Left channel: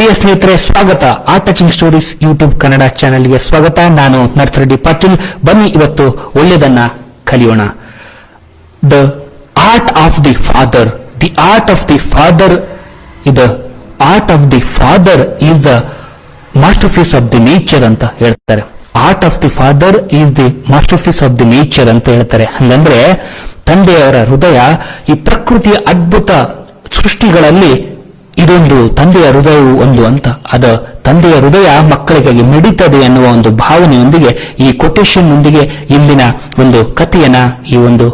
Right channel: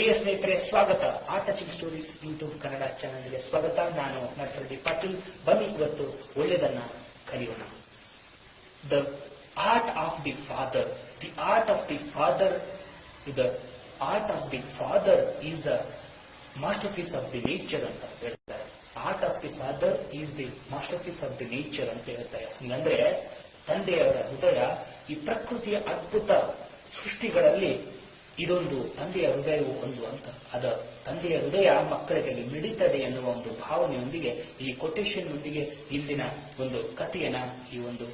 ಪ್ರಿಯ ಸ್ನೇಹಿತರೆ, ಸ್ವಾಗತ. ಆ ಟಚಿಂಗ್ ಸ್ಟೋರೀಸ್ ಯೂಟ್ಯೂಬ್ ಕನ್ನಡ ಚಾನೆಲ್ಗೆ ಸ್ವಾಗತ. ನಾನು ನರ್ತರೆಡ್ಡಿ ಪಾಟೀಲ್. ಬನ್ನಿ ಇವತ್ತು ಒಳ್ಳೆಯದನ್ನ ಕಲಿಯೋಣ. The art of the father. The art of the father the art of the father is the masterpiece of the nature ಅಂತ ಹೇಳ್ತಾರೆ. Art of the father is the masterpiece of the nature ಅಂತ ಹೇಳ್ತಾರೆ. ಹಂಗಂದ್ರೆ ತಂದೆಯವರ ಹೃದಯ ಈ ಪ್ರಕೃತಿಯ ಅದ್ಭುತ ಸೃಷ್ಟಿಗಳಲ್ಲಿ ಇದೊಂದು ತಂದೆಯ ಹೃದಯವು ಒಂದು ಅಂತ. ತಂದೆಯ ಹೃದಯ ಮಕ್ಕಳಿಗಾಗಿ ಮಿಡಿತದೆ ಎನ್ನುವ ಒಂದು ಭಾವನೆಯೊಂದಿಗೆ ಈ ಕೊಟೇಶನ್ ನೊಂದಿಗೆ ಇಂದಿನ ಒಂದು ಕಥೆಯನ್ನ, ಈ ಒಂದು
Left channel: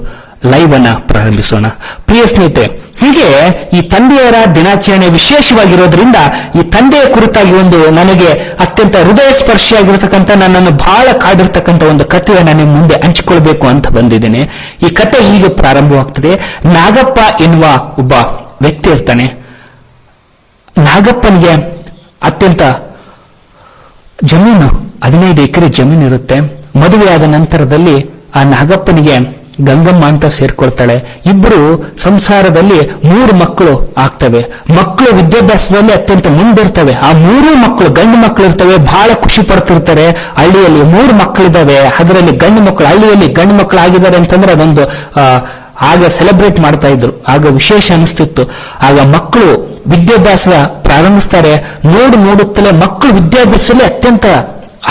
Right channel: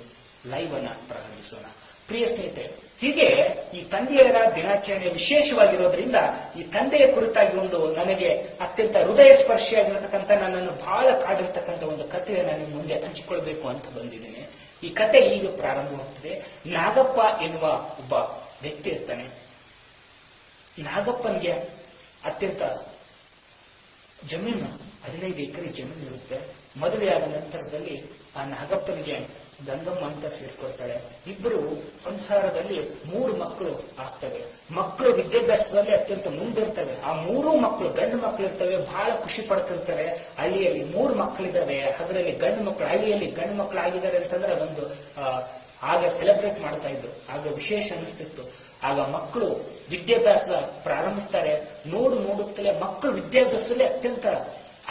ಲೈವ್ ಅನ್ನ ಪ್ರಾರಂಭಿಸೋಣ. ಪ್ರಿಯ ಸ್ನೇಹಿತರೆ, ಹೀಗೆ ಈ ತಂದೆಯರ ದಿನಾಚರಣೆ ವಿಶೇಷವಾಗಿರೋದ್ರಿಂದ ಈ ತಂದೆಯ ಕುರಿತಾಗಿ ಒಂದು ನನಗೆ ಅತ್ಯಂತ ಹೃದಯ ಸ್ಪರ್ಶಿಯಾಗಿರ್ತಕ್ಕಂಥ, ನನ್ನನ್ನು ಬಹಳ ಕಾಡಿರ್ತಕ್ಕಂಥ ಒಂದು ಕಥೆಯನ್ನು ನಿಮ್ಮ ಮುಂದೆ ಹಂಚಿಕೊಳ್ಬೇಕು ಅಂತ ಬಂದಿದ್ದೇನೆ. ಈ ಕಥೆ ಈಗ ಪ್ರಾರಂಭವಾಗ್ತದೆ. ನಾಗಪ್ಪ ಎನ್ನುವ ಒಬ್ಬ ವ್ಯಕ್ತಿ ಇರ್ತಾನೆ. ನಾಗಪ್ಪನಿಗೆ ಅತ್ಯಂತ ಜಮೀನು, 15 ಎಕರೆ ಜಮೀನು ಇರುತ್ತೆ. ಮದುವೆಯಾದ ನಂತರದಲ್ಲಿ ಆ ನಾಗಪ್ಪನಿಗೆ ಗಂಗಮ್ಮ ಅಂತ ಸೇರ್ಕೊಳ್ತಾಳೆ. ಇಬ್ಬರು ಸಂಸಾರದಲ್ಲಿ 3 ಮಕ್ಕಳು ಆಗ್ತವೆ. ಮಕ್ಕಳು ವಿದ್ಯಾಭ್ಯಾಸದಲ್ಲಿ ಅತ್ಯಂತ ಮುಂದಿರ್ತವೆ. ಆ 3 ಮಕ್ಕಳು ಗಂಡು ಮಕ್ಕಳು ಇರ್ತವೆ. ಬಹಳ ಖುಷಿ ಪಡ್ತಿರ್ತಾರೆ. ಹಳ್ಳಿಯಲ್ಲಿ 3 ಮಕ್ಕಳಿದ್ದಾವೆ, ಅದರಲ್ಲಿ ಗಂಡು ಮಕ್ಕಳು, ಹಳ್ಳಿಯಲ್ಲಿ ಗಂಡು ಮಕ್ಕಳು ಆಗಿದ್ದಾರೆ ಅಂತಂದ್ರೆ ಅದೊಂದು ಆಗ ಸೆಲೆಬ್ರೇಟ್ ಮಾಡ್ತಾ ಇದ್ರು. ಆಗ ವಿಶೇಷ ಅನಿಸ್ತಿತ್ತು. ಆಗ ಮಕ್ಕಳು ವಿದ್ಯಾಭ್ಯಾಸ ಪ್ರಾರಂಭಿಸ್ತಾರೆ. ನೋಡುತ್ತಲೇ ಮಕ್ಕಳು ವಿದ್ಯಾಭ್ಯಾಸದಲ್ಲಿ ಅತ್ಯಂತ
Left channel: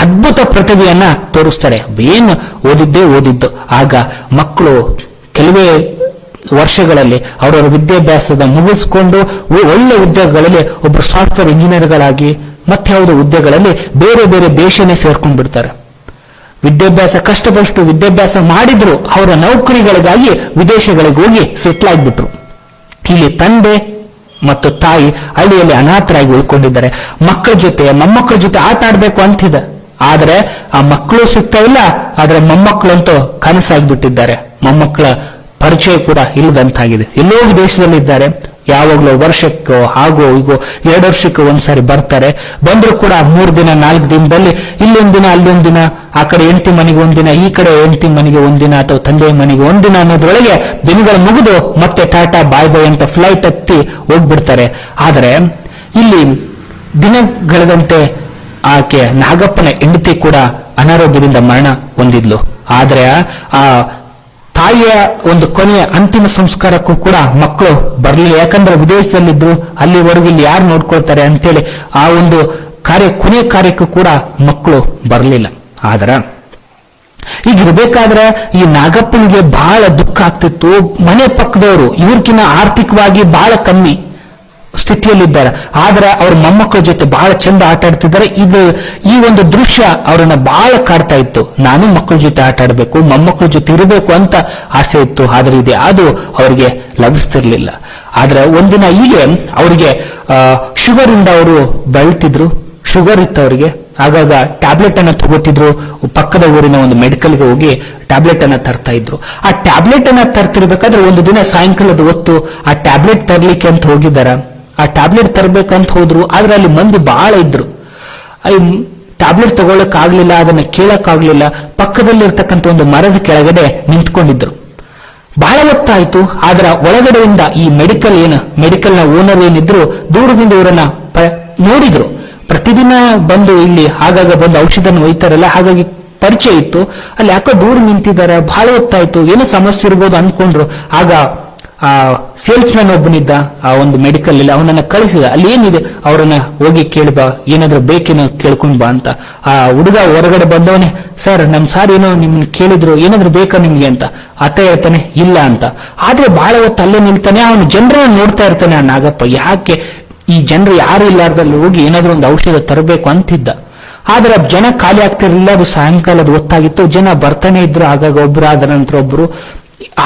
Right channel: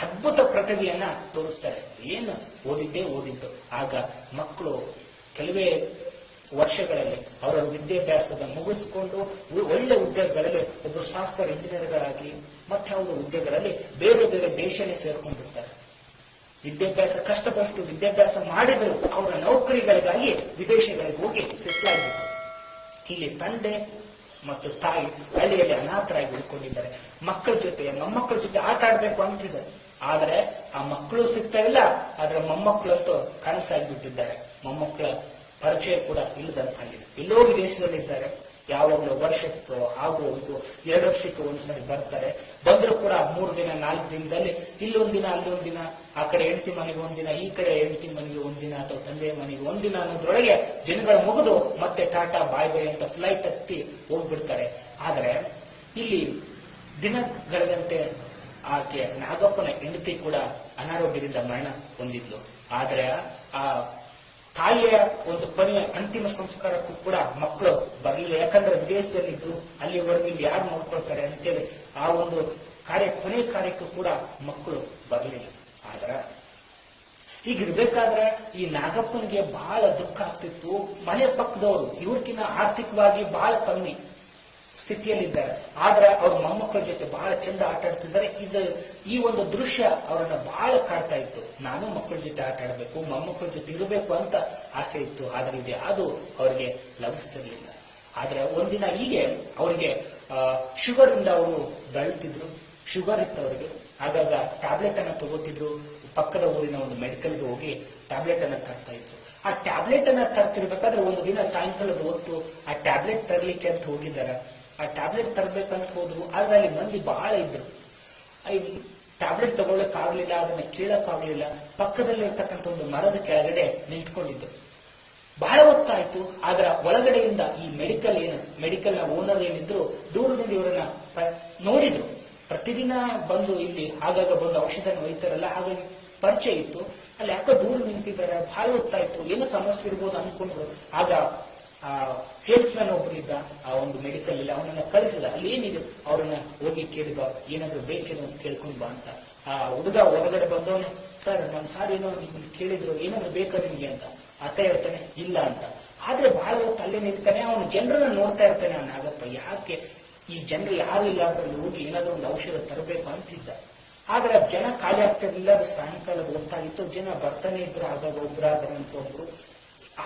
ಅದ್ಭುತ ಪ್ರತಿಭೆಯನ್ನ ತೋರಿಸ್ತಾರೆ. ಏನು ಓದಿದ್ದು. ಆಗ ಮಕ್ಕಳು ಕೆಲವೇ ವರ್ಷಗಳಲ್ಲಿ ಅವರವರ ವಿದ್ಯಾಭ್ಯಾಸದ ಮುಗಿಸ್ಕೊಂಡು ಒಳ್ಳೆ ಉದ್ಯೋಗಗಳಲ್ಲಿ ಒಬ್ಬರು ಸಾಫ್ಟ್ವೇರ್ ಇಂಜಿನಿಯರ್ಗಳಾಗಿ ಮತ್ಯಾವುದೋ ಹುದ್ದೆಗಳಲ್ಲಿ ಬೇರೆ ಬೇರೆ ದೇಶನೇ ಸೇರ್ಕೊಂಡ್ ಬಿಡ್ತಾರೆ. ವಿದ್ಯಾಭ್ಯಾಸ ಕಷ್ಟಪಟ್ಟು ವಿದ್ಯಾಭ್ಯಾಸ ಮಾಡಿದ್ರು, ಅವರ ನೌಕರಿಗಳಿಗಾಗಿ ವಿದೇಶಗಳಿಗೆ ಹೋಗಿ ಸೆಟ್ಲ್ ಆಗಿಬಿಟ್ರು. ಇಲ್ಲಿ ತಂದೆ ಮತ್ತು ತಾಯಿ ಹಳ್ಳಿಯಲ್ಲಿ ಅನಾಥರಾಗಿ ಉಳ್ಕೊಂಡಿದ್ದಾರೆ. ಮಕ್ಕಳ ಜೊತೆ ಮೊಮ್ಮಕ್ಕಳ ಜೊತೆ ಆಟ ಆಡ್ಬೇಕು ಅಂತಿದೆ, ಆದ್ರೆ ಆ ಮಕ್ಕಳು ಸಿಗ್ತಾ ಇಲ್ಲ. ಆದ್ರೆ ಮೊಮ್ಮಕ್ಕಳಂತೂ ಕನಸಾಗ್ಬಿಟ್ಟಿದ್ದಾರೆ. ಮೊಮ್ಮಕ್ಕಳ ಪರಿಚಯ ಕೂಡ ಇಲ್ಲದಂತಾಗಿದೆ. ಎಲ್ಲೋ ವಿದೇಶದಲ್ಲಿ ಇದ್ದಾರೆ. ಯಾವಾಗಲೂ ವರ್ಷಕ್ಕೋ ಹಾಗೋ ಹೀಗೋ 2 ವರ್ಷಕ್ಕೆ ಒಂದ್ಸಾರಿ ಬರ್ತಾರೆ. ಬಂದ್ರು ಕೂಡ 3 ದಿನ 4 ದಿನದಲ್ಲಿ ಇಲ್ಲೊಂದಿನ ಅಲ್ಲೊಂದಿನ, ಆ ಕಡೆ ಹೆಂಡತಿ ಮನೆಗೆ ಒಂದಿನ, ಈ ಕಡೆ ಹೆಂಡತಿ ಮನೆಗೆ ಒಂದಿನ, ಅಥವಾ ತಂದೆಯ ಮನೆಗೆ ಒಂದಿನ ಅನ್ನೋದ್ರೊಳಗೆ ದಿನಗಳು ಮುಗಿದು ಮತ್ತೆ ಟಾಟಾ ಬಾಯ್ ಬಾಯ್ ಅಂತ ಫ್ಲೈಟ್ ಹತ್ತಿ ಹೋಗ್ಬಿಡ್ತಾರೆ. ಆದರೆ ಇಲ್ಲಿ ದಿನಗಳೆದಂತೆ ಆಕೆ ನಾಗಪ್ಪನ ಹೆಂಡತಿ ಕೂಡ ಅನಾರೋಗ್ಯದಿಂದ ಮರಣ ಹೊಂದಿದ್ಲು. ಆದ್ರೆ ಆ ತಾಯಿಯ ಒಂದು ಕೊನೆಯ ಅಂತಿಮ ಸಂಸ್ಕಾರಕ್ಕೂ ಕೂಡ ಮಕ್ಕಳು ಬರಲಿಲ್ಲ. ಯಾಕಂದ್ರೆ ವಿದೇಶದಲ್ಲಿದ್ರು, ಅಲ್ಲಿವರೆಗೂ ಇಲ್ಲಿ ಯಾರು ನೋಡ್ಕೊಳ್ತಾರೆ ಅಂತೇಳಿ ಆ ಒಂದು ಕೊನೆಯ ಕಾರ್ಯಕ್ಕೂ ಕೂಡ ಮಕ್ಕಳು ಬರಲಿಲ್ಲ. ಆದ್ರ ಈಗಿರ್ಬೇಕಾದ್ರೆ ಈ ನಾಗಪ್ಪನಿಗೆ ಬಹಳ ದುಃಖ ಆಗ್ತಿತ್ತು. ಮನೆ ಪಕ್ಕದವರು ಇವ್ರಕಿನ್ನ ಆರ್ಥಿಕವಾಗಿ ಬಹಳ ಕಮ್ಮಿ ಸ್ಥಿತಿಯಲ್ಲಿದ್ದಾರೆ. ಆದ್ರೆ ಅವ್ರ ಮೊಮ್ಮಕ್ಕಳ ಜೊತೆ ಬಹಳ ಚಂದ ಆಟ ಆಡ್ತಿದ್ದಾರೆ. ಈ ಒಂದು ದೃಶ್ಯ ಅವರನ್ನ ಬಹಳ ಕಾಡ್ತಾ ಇತ್ತು. ನಾನು ಮಕ್ಕಳ ಜೊತೆ ಆಟ ಆಡ್ಬೇಕು, ಮೊಮ್ಮಕ್ಕಳ ಜೊತೆ ಇರಬೇಕು ಅಂತ ಆಸೆ ಇತ್ತು. ಆದ್ರೆ ಇದೆ ಅದು ಅವರಿಗೆ ಲಭಿಸ್ತಿರ್ಲಿಲ್ಲ. ಆದ್ರೆ ಒಂದಿನ ಹೀಗೆ ಅವರಿಗೆ ಶುಗರ್ ಇಂದ ಅವರು ಬಳಲ್ತಿದ್ರು. ಶುಗರ್ ಇತ್ತು ಅವರಿಗೆ. ಆಗಾಗ ಟ್ಯಾಬ್ಲೆಟ್ ಅನ್ನ ತಗೋತಿದ್ರು. ಪಕ್ಕದ ಊರಿನ ಒಂದು ಮೆಡಿಕಲ್ಗೆ ಹೋಗಿ ಟ್ಯಾಬ್ಲೆಟ್ ಅನ್ನ ತರ್ತಾ ಇದ್ರು. ಆ ಟ್ಯಾಬ್ಲೆಟ್ ಅನ್ನ ತರ್ತಿರ್ಬೇಕಾದ್ರೆ ಒಂದು ದಿನ ಸಾಯಂಕಾಲದ ಹೊತ್ತು ಆ ಟ್ಯಾಬ್ಲೆಟ್ ತರ್ಲಿಕ್ಕೆ ಅಂತ ಹೋಗಿದ್ದಾರ. ಆ ಟ್ಯಾಬ್ಲೆಟ್ ತರಬೇಕಂತ ಹೋದ್ರು. ಆದ್ರೆ ಅಲ್ಲಿ ಮಂದಿ ಬಹಳ ಇದ್ರು. ಟ್ಯಾಬ್ಲೆಟ್ ತಗೊಳಕ್ ಆಗ್ಲಿಲ್ಲ, ಅದನ್ನ ಕೇಳಕ್ ಆಗ್ಲಿಲ್ಲ. ಪಕ್ಕದಲ್ಲಿರ್ತಕ್ಕಂಥ ಒಂದು ಮರದ ಕೆಳಗಡೆ ನಿಂತ್ಕೊಂಡಿದ್ರು. ಬಹಳ ಹೊತ್ತಾಯ್ತು. ಆದ್ರ ಒಳಗಡೆಯಿಂದ ಈ ಮೆಡಿಕಲ್ನ ಓನರ್ ಏನಿದ್ರು ದೂರದಿಂದ ಇವರನ್ನ ನೋಡಿದ್ರು. ಪ್ರತಿದಿನ ಬಂದು ಇಲ್ಲಿ ಆಗಾಗ ಬಂದು ಔಷಧನ ಒಯ್ತಾರಲ್ಲ, ಹಾಗಾಗಿ ಪರಿಚಯ ಇತ್ತು. ಅಲ್ಲಿ ಯಾಕೋ ದೂರ ನಿಂತಿದ್ದಾರೆ, ಬಹಳ ಹೊತ್ತಾಯ್ತು, ಏನೋ ಸಮಸ್ಯೆ ಇರ್ಬೋದು ಅನ್ಕೊಂಡ್ರು. ಆಗ ಆ ಸೇಲ್ಸ್ ಮ್ಯಾನ್ ಒಬ್ಬನಿದ್ದ ಆ ಒಂದು ಮೆಡಿಕಲ್ ಅಲ್ಲಿ, ಅವನನ್ನ ಕಳಿಸಿದ. ಅಲ್ಲಿ ಏನಿದೆ ಅವರನ್ನ ಹೋಗಿ ಕೇಳ್ಬಾ, ಏನಾದ್ರೂ ಬೇಕೇನೋ ಕೇಳ್ಕೊಂಡ್ ಬಾ ಅಂತ. ಆ ಹುಡುಗ ಹೊರಗಡೆ ಬಂದವನೇ, ಸರ್ ನಮ್ ಸಾರ್ ಏನೋ ನಿಮ್ನ ಕೇಳಿದ್ರು, ಏನಾದ್ರೂ ಬೇಕಾ ನಿಮ್ಗೆ ಅಂತ. ಆತ ಹೇಳ್ತಾನೆ ಇಲ್ಲ ಅಂತ. ಆದ್ರೆ ಬಹಳ ಹೊತ್ತು ಅಲ್ಲೇ ನಿಲ್ತಾನೆ. ಅವನು ಜನರನ್ನ ನೋಡ್ತಾ ಇರ್ತಾನೆ ಆ ನಾಗಪ್ಪ. ಯಾಕೆ ಈ ಜನರು ಯಾರು ಇಲ್ಲಾರ್ದಲ್ಲಿ ಹೋಗಿ ಏನಾದ್ರೂ ಒಂದು ಔಷಧ ತರಬೇಕು ಅಂತಿದ್ದ. ಆದ್ರೆ ಜನ ಖಾಲಿ ಆಗ್ತಿರ್ಲಿಲ್ಲ. ಅದು ಸಾಯಂಕಾಲದ ಹೊತ್ತಾಗಿತ್ತು. ಜನ ಬರ್ತಾನೆ ಇದ್ರು. ಆಗಾಗ ಒಬ್ರು ಆದ ನಂತರ ಒಬ್ರು.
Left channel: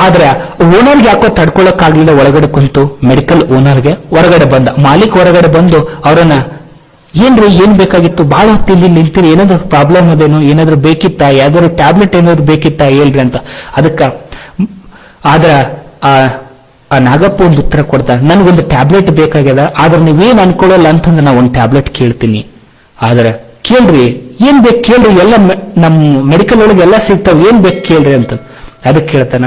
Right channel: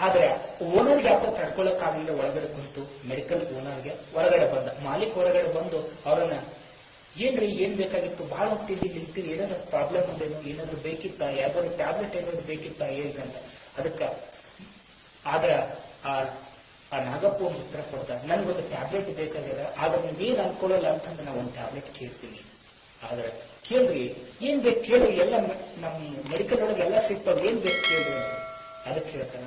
ಆದ್ರೆ ಓನರ್ಗೆ ಯಾಕೋ ತಡ್ಕೊಳಕ್ ಆಗ್ಲಿಲ್ಲ. ಒಳಗಡೆ ಕುಂತು ಮೆಡಿಕಲ್ ಓನರ್ಗೆ ಹೊರಗಡೆ ಬಂದ. ಮಾಲೀಕ್ ಹೊರಗಡೆ ಬಂದು ಅವರನ್ನ, ಏನ್ರಿ ಏನ್ ಬೇಕಾಗಿತ್ತು, ಬಹಳ ಹೊತ್ತಿಲ್ಲಿ ನಿಂತಿರಿ, ಏನಾದ್ರು ಪ್ರಾಬ್ಲಮ್ ಅದೇನು, ಏನಾದ್ರು ಬೇಕಿತ್ತಾ, ಯಾವ್ದಾದ್ರು ಟ್ಯಾಬ್ಲೆಟ್ ಏನಾದ್ರು ಬೇಕಿತ್ತಾ ಹೇಳ್ರಿ ಅಂತ. ಅದಕ್ಕ ಆದ್ರ ಆ ನಾಗಪ್ಪ ಒಂದು ಉತ್ತರ ಕೊಡ್ತಾರೆ, ನನ್ಗೊಂದು ಟ್ಯಾಬ್ಲೆಟ್ ಬೇಕಾಗ್ಯದ, ಆದ್ರೆ ನೀವೇನ್ ಅನ್ಕೊಳ್ಳಲ್ಲ ಅಂತಂದ್ರೆ ನಾ ಒಂದು ಟ್ಯಾಬ್ಲೆಟ್ ಕೇಳ್ತೀನಿ. ಆದ್ರೆ ಕೇಳ್ರಿ, ಏನ್ ಬೇಕು ಕೇಳ್ರಿ, ಎಲ್ಲ ನಮ್ ಮೆಡಿಕಲ್ ಒಳಗೆ ಎಲ್ಲ ಸಿಗ್ತಾವ, ಏನ್ ಬೇಕು ಕೇಳ್ರಿ ಅಂತ. ಅದಕ್ಕೆ ಕೇಳ್ತಾನ.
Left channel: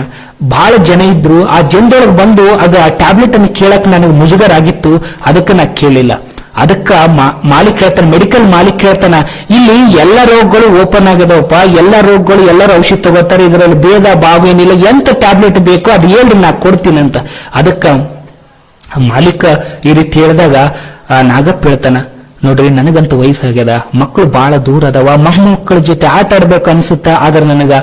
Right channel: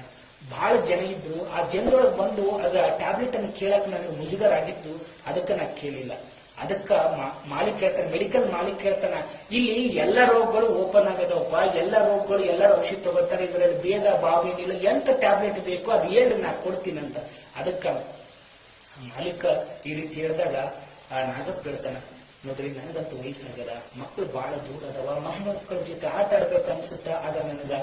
ಬಹಳ ಜನ ಇದ್ರು. ಆ ಜನದೊಳಗೆ ಬಂದು ಅದು ಆ ಟ್ಯಾಬ್ಲೆಟ್ ಅನ್ನು ಕೇಳಕ್ ನನಗೆ ಮುಜುಗರ ಆಗಿತ್ತು. ಅದಕ್ಕೆ ನಾ ಕೇಳಿಲ್ಲ. ಅದಕ್ಕ ಮಾಲೀಕ್ ಹೇಳ್ತಾನೆ, ಮೆಡಿಕಲ್ ಮಾಲೀಕ್ ಹೇಳ್ತಾನ, ಇಲ್ಲಿ ಎಲ್ಲ ರೋಗಗಳು ಓಪನ್ ಆಗದವಪ್ಪ, ಎಲ್ಲ ರೋಗಗಳು ಎಲ್ಲರೂ ಔಷಧಿ ತಗೋತಾರೆ, ಇದರಲ್ಲಿ ಭೇದ ಭಾವ ಏನಿಲ್ಲ, ಎಂತ ಟ್ಯಾಬ್ಲೆಟ್ ಬೇಕೋ ಅದು ಹೇಳ್ರಿ ನಾ ಕೊಡ್ತೀನಿ ಅಂತ. ಅದಕ್ಕ ಮಾಲೀಕ ಈ ರೀತಿ ಹೇಳಿದಾಗ ನಾಗಪ್ಪ ಹೇಳ್ತಾನ, ನೋಡ್ರಿ ನನಗಂತೂ ವಯಸ್ಸಾಗ್ಯದ, ಮಕ್ಕಳು ಬಹಳ ದೂರ ಅದಾವ, ಮಕ್ಕಳ ಜೊತೆ ಆಟ ಆಡ್ಬೇಕು ಅನ್ಸುತ್ತ, ಆದ್ರೆ ನನಗ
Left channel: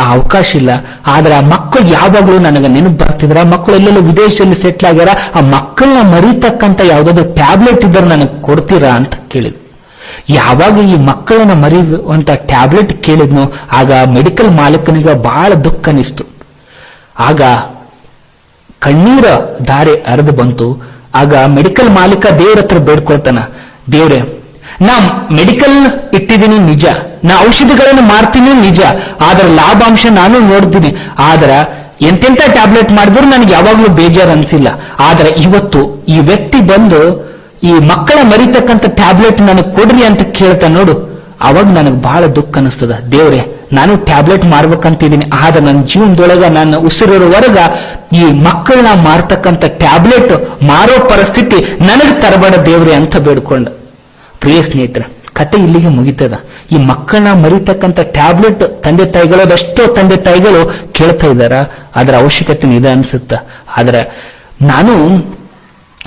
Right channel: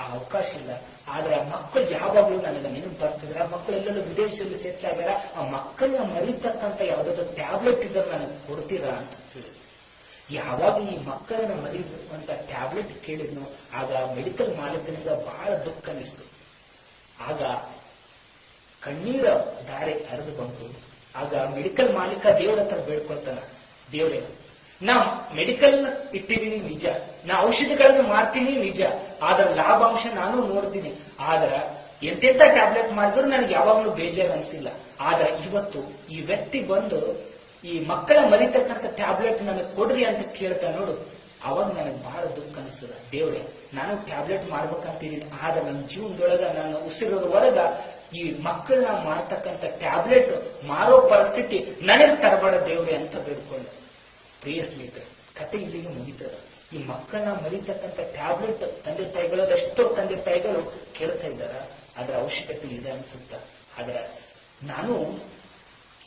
ಆ ಅವಕಾಶ ಇಲ್ಲ. ಆದ್ರೆ ಆ ಮಕ್ಕಳು ಯಾವಾಗ್ಲೂ ನನಗೆ ನೆನಪು ಬರ್ತಿದ್ರ, ಮಕ್ಕಳು ಎಲ್ಲೆಲ್ಲೂ ವಿದೇಶದಲ್ಲಿ ಸೆಟ್ಲ್ ಆಗ್ಯಾರ, ಆ ಮಕ್ಕಳನ್ನ ಮರಿತಕ್ಕಂತ ಯಾವ್ದಾದ್ರು ಟ್ಯಾಬ್ಲೆಟ್ ಇದ್ರೆ ನನಗೆ ಕೊಡ್ತೀರಾ ಅಂತ ಕೇಳಿದ್ರು. ಯಾವಾಗ ಈ ಮಕ್ಕಳನ್ನ ಮರಿಯುವಂತ ಟ್ಯಾಬ್ಲೆಟ್ ಕೇಳಿದ್ನು, ಆಗ ಮೆಡಿಕಲ್ ಮಾಲೀಕನಿಗೆ ಬಹಳ ದುಃಖ ಅನಿಸ್ತು. ಆಗ ಕಣ್ಣೀರ ಧಾರೆ ಹರಿದು ಬಂತು. ಆಗ ಮೆಡಿಕಲ್ ಮಾಲೀಕ ದೇವ್ರ ಹತ್ರ ಬೇಡ್ಕೊಳ್ತಾನ, ದೇವ್ರೆ ನಾ ಮೆಡಿಕಲ್ ಇಟ್ಟಿದ್ದೀನಿ ನಿಜ, ನಾ ಔಷಧಿಗಳನ್ನು ಮಾರ್ತೀನಿ ನಿಜ, ಆದ್ರೆ ಲಾಭಾಂಶ ನಾನು ನೋಡ್ತೀನಿ, ಆದ್ರ ಎಂತೆಂತ ಟ್ಯಾಬ್ಲೆಟ್ ಮಾಡಿದ್ರು ನನಗೆ ಯಾವಾಗ್ಲೂ ಬೇಜಾರು ಅನ್ಸಿಲ್ಲ. ಆದ್ರೆ ಇವತ್ತು ಈ ವ್ಯಕ್ತಿ ಬಂದು ಈ ಮಕ್ಕಳ ಮರಿತಕ್ಕಂಥ ಟ್ಯಾಬ್ಲೆಟ್ ನನಗೆ ಕೊಡ್ರಿ ಅಂತ ಕೇಳ್ತಾ ನೋಡು, ಅವಾಗ ನನಗೆ ಬಹಳ ದುಃಖ ಅನಿಸ್ತದ. ದೇವ್ರೆ ನಾನು ಟ್ಯಾಬ್ಲೆಟ್ ಮಾರ್ಬೇಕಂತಿದ್ದೀನಿ, ಆದ್ರೆ ನನ್ನ ಜೀವನದೊಳಗ ನನ್ನ ಉಸಿರಿರೋವರೆಗ ಈ ಮಕ್ಕಳನ್ನ ಮಾರ್ತಕ್ಕಂಥ ಟ್ಯಾಬ್ಲೆಟ್ ಮಾರೋ ಪರಿಸ್ಥಿತಿ ನನಗೆ ತರಬೇಡ ದೇವ್ರೆ ಅಂತ ಬೇಡ್ಕೊಂಡ. ಪ್ರಿಯ ಸ್ನೇಹಿತರೆ, ಕತೆ ಇಲ್ಲಿಗೆ ಮುಗಿತದ. ಈ ಮಕ್ಕಳನ್ನ ಮರಿತಕ್ಕಂಥ ಟ್ಯಾಬ್ಲೆಟ್ ತಂದೆ ತಾಯಿಗಳು ಅದೆಷ್ಟೋ ತಂದೆ ತಾಯಿಗಳು ಕೇಳ್ತಾ ಇದ್ದಾರ, ಅದರ ಅವಶ್ಯಕತೆ ಇದೆ ಅನ್ಸುತ್ತ. ಆದ್ರೆ ನಾನು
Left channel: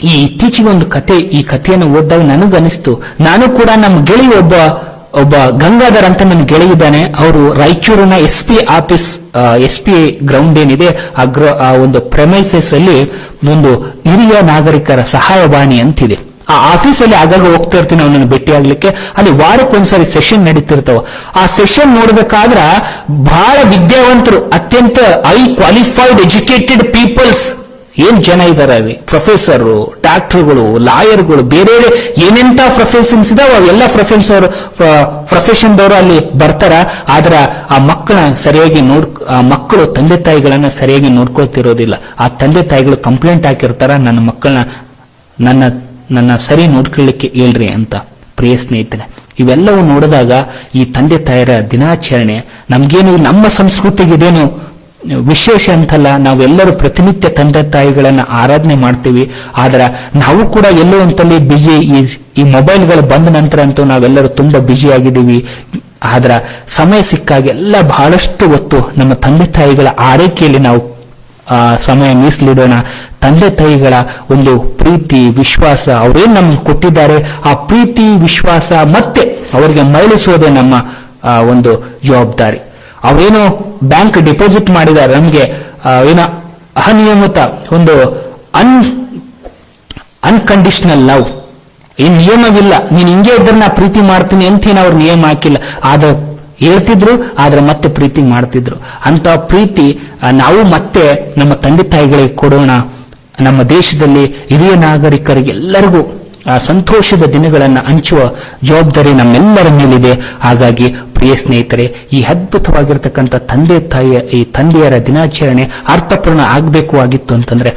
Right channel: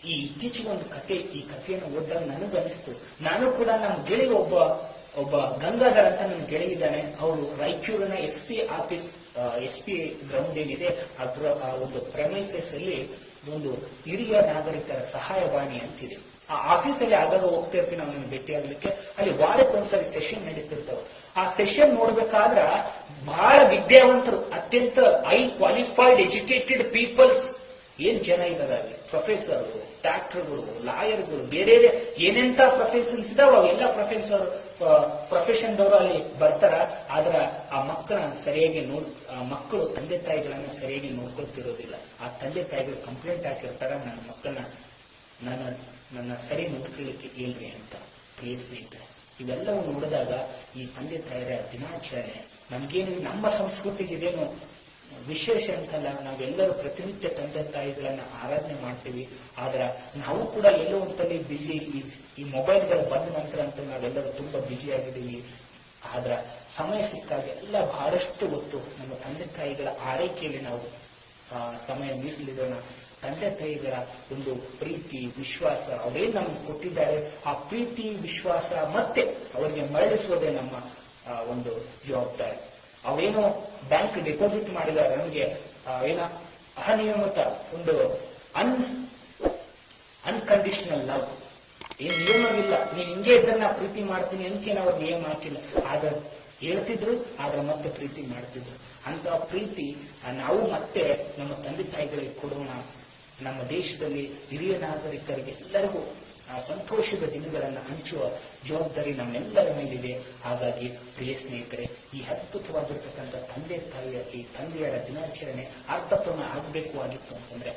ಈ ಇತ್ತೀಚೆಗೆ ಒಂದು ಕತೆ, ಈ ಕಥೆಯನ್ನು ಓದಿದಾಗ ನನಗನಿಸ್ತು, ನಾನು ಕೂಡ ನಮ್ಮ ಗೆಳೆಯ ಒಬ್ಬ ಗಂಗಾಧರ್ ಅಂತ ನನ್ನ ಗೆಳೆಯಿದ್ದಾನೆ. ಅವರು ರಾಯಚೂರಿನ ಎಸ್ ಪಿ ಗ್ರೌಂಡ್ ಏನಿದೆ ಆ ಒಂದು ಪ್ರೆಮೈಸಸ್ ಅಲ್ಲಿ ಒಂದು ಹಿರಿಯ ನಾಗರಿಕರ ಸಹಾಯವಾಣಿ ಅಂತಿದೆ. ಆ ಆಫೀಸಲ್ಲಿ ಆಗಾಗ ಹೋಗ್ತಾ ಇರ್ತೀನಿ ಅವನನ್ನು ಭೇಟಿ ಆಗ್ಲಿಕ್ಕೆ. ಅಲ್ಲಿ ವಾರಕ್ಕೊಂದ್ಸರಿ ಸೆಷನ್ ನಡೀತಿರ್ತಾವ. ಆ ಸೆಷನ್ ನೋಡ್ಬೇಕಾದ್ರ ಬಹಳ ವಿದ್ಯಾವಂತರು, ಅತ್ಯಂತ ಹೈ ಕ್ವಾಲಿಫೈಡ್ ಎಜುಕೇಟೆಡ್ ಪೀಪಲ್ಸ್ ಏನ್ ಜನ ಇದಾರೆ, ಪ್ರೊಫೆಸರು, ಡಾಕ್ಟರ್ಗಳು, ಲಾಯರ್ಗಳು, ಬೇರೆ ಏನೆಂತ ಪ್ರೊಫೆಷನ್ಸ್ ಇದಾವ ಎಲ್ಲ ಪ್ರೊಫೆಷನ್ದವರು ಅಲ್ಲಿ ಬರ್ತಾರ. ಆದ್ರ ಆ ಮಕ್ಕಳನ್ನ ಸರಿಯಾಗಿ ಮಕ್ಕಳು ತಂದೆ ತಾಯಿಗಳನ್ನ ಸರಿಯಾಗಿ ನೋಡ್ಕೊಳ್ತಿರೋದಿಲ್ಲ. ಆ ತಂದೆ ತಾಯಿಗಳು ಕಂಪ್ಲೇಂಟ್ ಹಾಕಿರ್ತಾರ, ನನ್ನ ಮಕ್ಕಳನ್ನ ನನ್ನ ಸರಿ ನೋಡ್ಕೊಳ್ಳಿಕ್ಕೆ ಹೇಳ್ರಿ ಅಂತ. ಪ್ರಿಯ ಸ್ನೇಹಿತರೆ, ಇವೆಲ್ಲವೂ ನೋಡಿದಾಗ ಈ ತಂದೆ ತಾಯರ ದಿನಾಚರಣೆ ನಮ್ಗೇನು ನಮ್ಮ ಸಂಸ್ಕೃತಿಗೆ ಇದೇನು ವಿಶೇಷ ಅಂತಲ್ಲ. ನಾವೆಲ್ಲರೂ ಪ್ರತಿನಿತ್ಯ ತಂದೆ ತಾಯಿಗಳನ್ನ ಆರಾಧನೆ ಮಾಡ್ತೀವಿ. ಆದ್ರೆ ನಾವು ಕೂಡ ಎಲ್ಲೋ ಅಂತಲ್ಲಿ ಬಿಜಿ, ಈ ಮೊಬೈಲ್ಗಳು ಬಂದ ನಂತರ ಅಂತೂ ನಾವೆಲ್ಲರೂ ತುಂಬಾ ಬಿಜಿ ಆಗಿದ್ದೀವಿ. ಆದ್ರ ಸಮಯ ಸಿಕ್ಕಾಗ ಎಲ್ಲ ಬಹಳಷ್ಟು ಹೊತ್ತು ನಮ್ಮ ತಂದೆ ತಾಯಿಗಳ ಆರೈಕೆಯಲ್ಲಿ ನಾವು ಸಮಯ ಮೀಸಲಿಡೋಣ. ತಂದೆ ತಾಯಿಗಳ ಒಂದು ಪ್ರೀತಿ ವಿಶ್ವಾಸ ಅವರೇನ್ ನಮ್ಗೆ ಕೊಟ್ಟಿದ್ದಾರೆ, ಆ ಪ್ರೀತಿ ವಿಶ್ವಾಸ ಮತ್ತೆ ಅವರಿಗೆ ಮರಳಿಸೋದೇ ನಮ್ಮ ಒಂದು ಜವಾಬ್ದಾರಿ. ಅವರೇನೋ ಬ್ಯಾಂಕ್ ಡಿಪಾಸಿಟ್ ಮಾಡಿದ್ದಾರೆ, ನಮ್ಗೆ ಏನೋ ಅನಿಯಮಿತ ಒಂದು ಅನ್ಕಂಡೀಷನಲ್ ಲವ್, ಈ ನಿಯಮವಿಲ್ಲ, ನೀನ್ ಹಿಂಗೆ ಇದ್ರೆ ನಾ ಪ್ರೀತಿ ಮಾಡ್ತೀನಿ ಅಂತೇನು ಅವ್ರು ನಿಯಮ ಹಾಕಿಲ್ಲ. ಆದ್ರೆ ಹೇಳ್ತಿದ್ರು, ಆದ್ರೆ ಮತ್ತೆ ಪ್ರೀತಿ ಮಾಡ್ತಿದ್ರು. ಅಂತ ಪ್ರೀತಿ ನಾವು ಮತ್ತೆ ನಮ್ಮ ತಂದೆ ತಾಯಿಗಳಿಗೆ ಕೊಡೋಣ. ನಮ್ಮ ದೇಶದಲ್ಲಿ ಹಿರಿಯ ನಾಗರಿಕರಿಗೆ ಎಲ್ಲರಿಗೂ ಸಂತೋಷದ ದಿನಗಳನ್ನು ಹಂಚುವ ಜವಾಬ್ದಾರಿ ನಮ್ಮೆಲ್ಲರ ಮೇಲಿದೆ. ಹಾಗಾಗಿ ಪ್ರಿಯ ಸ್ನೇಹಿತರೆ, ಈ ಅದ್ಭುತವಾಗಿರ್ತಕ್ಕಂಥ ತಂದೆಯರ ದಿನಾಚರಣೆ ಅರ್ಥಪೂರ್ಣ ಆಗಬೇಕು ಆಗಿತ್ತು ಅಂತಂದ್ರೆ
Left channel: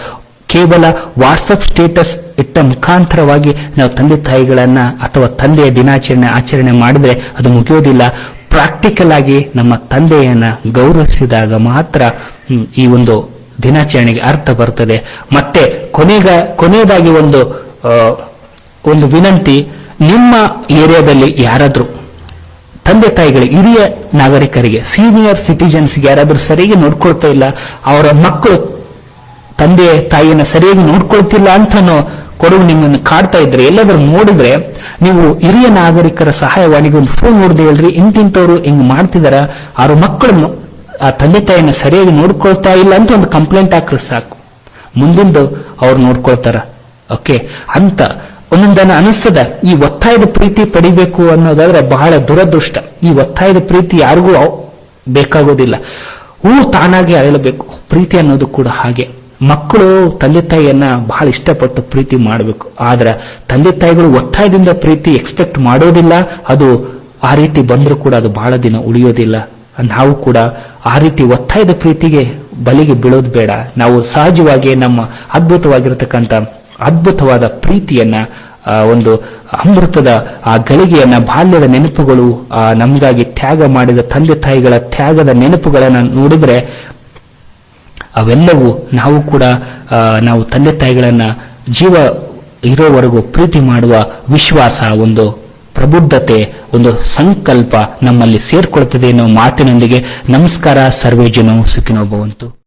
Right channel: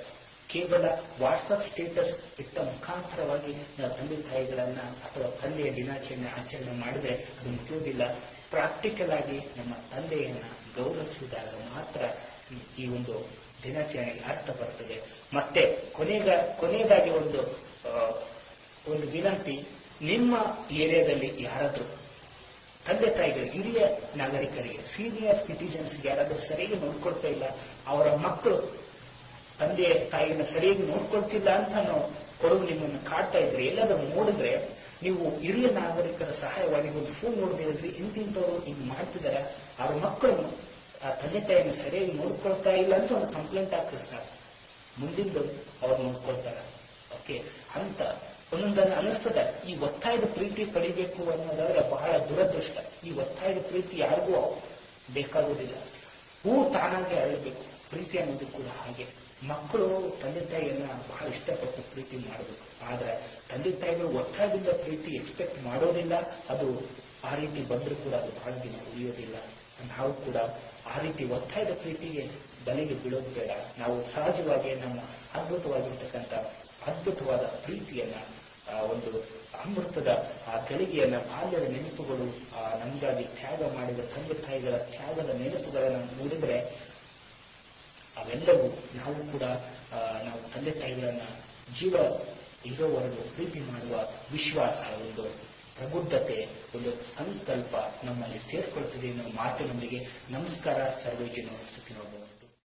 ಕೇವಲ ವಾಟ್ಸಪ್ ಸ್ಟೇಟಸ್ ಇಟ್ಟ ಮುಖಾಂತರವಾಗಿ ನಾವು ತಂದೆ ತಾಯಿಗಳನ್ನ ಅಥವಾ ತಂದೆಯ ದಿನಾಚರಣೆ ಆಚರಣೆ ಮಾಡಿದ್ರೆ ಅದು ಮುಗಿಯೋದಿಲ್ಲ. ಪ್ರಾಕ್ಟಿಕಲ್ ಆಗಿ ನಮ್ಮ ತಂದೆಯನ್ನ ಗೌರವಿಸಿದಾಗ ಮಾತ್ರ ಈ ಒಂದು ದಿನಾಚರಣೆಗೆ ಅರ್ಥ ಬರ್ತದೆ. ಮತ್ತೆ ಕೊನೆಯದಾಗಿ ಒಂದು ವಿನಂತಿ, ನಿಮ್ಮ ಏರಿಯಾದಲ್ಲಿ ಯಾರಾದ್ರೂ ತಂದೆ ತಾಯಿಗಳಿಗೆ, ಹಿರಿಯ ನಾಗರಿಕರಿಗೆ, ಸೀನಿಯರ್ ಸಿಟಿಜನ್ಸ್ಗೆ ಯಾರಾದ್ರೂ ಸರಿಯಾಗಿ ನೋಡ್ಕೊಳ್ತಾ ಇಲ್ಲ, ಅವರ ಮಕ್ಕಳು ತಂದೆ ತಾಯಿಯನ್ನ ಸರಿಯಾಗಿ ನೋಡ್ಕೊಳ್ತಿಲ್ಲ ಅಂತನೋ ಕೊಡುಗು ನಿಮ್ಮನ್ನು ಕಾಡ್ತಾ ಇದ್ರೆ, ಎಲ್ಲಾದ್ರೂ ನೋಡಿದ್ರೆ ನೀವು ಹಿರಿಯ ನಾಗರಿಕರ ಸಹಾಯವಾಣಿಗೆ ಒಂದು ಫೋನ್ ನೋಡಿದೆ ಹೇಳ್ರಿ, ಇಂತಿಂತವ್ರು ಹಿಂಗ್ ಮಾಡ್ತಿದಾರ, ಅವ್ರ ಮಕ್ಕಳನ್ನು ಆ ತಂದೆ ತಾಯಿಯನ್ನ ಸರಿಯಾಗಿ ನೋಡ್ಕೊಳ್ತಾ ಇಲ್ಲ ಅಂತ ಒಂದು ಕಂಪ್ಲೇಂಟ್ ಹಾಕ್ರೆ ಸಾಕು, ಮುಂದಿಂದು ಅವ್ರು ನೋಡ್ಕೊಳ್ತಾರ. ಓಕೆ ಅಂತ ಒಂದೊಂದನ್ನ ಅನಿಸ್ತದ. ಈ ಒತ್ತಾಯದ ಪ್ರೀತಿ ಪಡಿಬೇಕು ಅನ್ನೋದಾದ್ರೆ ಬಹಳ ದುರದೃಷ್ಟ. ಈ ಒತ್ತಾಯದ ಪ್ರೀತಿ ಯಾರಿಗೂ ಬೇಕಾಗೋದಿಲ್ಲ. ತಾನಾಗೆ ಅರಳಬೇಕು. ಪ್ರೀತಿ ಅನ್ನೋದು ಕೂಡ ಹಾಗೆ. ಮಕ್ಕಳು ತಂದೆ ತಾಯಿಯನ್ನ ಬಹಳ ಇಷ್ಟಪಟ್ಟು ಪ್ರೀತಿ ಮಾಡಬೇಕು. ಆದ್ರೆ ತಂದೆ ತಾಯಿಗಳು ಒತ್ತಾಯದಿಂದ ಪ್ರೀತಿ ಎಕ್ಸ್ಪೆಕ್ಟ್ ಮಾಡೋದಿಲ್ಲ. ಅದು ಆ ರೀತಿ ಬಂದರೂ ಕೂಡ ಅದು ಬಹಳ ದಿನ ಉಳಿಯೋದಿಲ್ಲ. ನಾವು ಕೂಡ ಆ ರೀತಿ ಒತ್ತಾಯದ ಪ್ರೀತಿಗೆ ಬಲಿಗೆ ಬೀಳೋದು ಬೇಡ. ನಾವು ಸಹಜವಾಗಿ ನಮ್ಮ ಅದ್ಭುತವಾದ ಪ್ರೀತಿಯನ್ನ, ಒಂದು ಅಮೃತದ ಆ ಗಳಿಗೆಯನ್ನ, ಬಾಲ್ಯದ ನೆನಪುಗಳು, ನಮಗಾಗಿ ತ್ಯಾಗ ಮಾಡಿದ ತಂದೆ ತಾಯಿಗಳ ತ್ಯಾಗದ ನೆನಪುಗಳನ್ನ ನೋಡಿದ್ರೆ ನಾವು ಕೂಡ ನಾವು ತಂದೆ ತಾಯಿಗಳನ್ನ ಇರೋವರೆಗೂ ಪ್ರೀತಿ ಮಾಡುವ ವಿಶ್ವಾಸ, ಒಂದು ಪ್ರಬುದ್ಧತೆ, ಒಂದು ಸಂಕಲ್ಪ ನಮ್ಮಲ್ಲಿ ಸೇರ್ಕೊಳ್ತದೆ ಅನ್ನೋ ಮಾತಿನೊಂದಿಗೆ ನಮಸ್ಕಾರ. ಸರ್ವೇ ಜನೋ ಸುಖಿನೋ ಭವಂತು.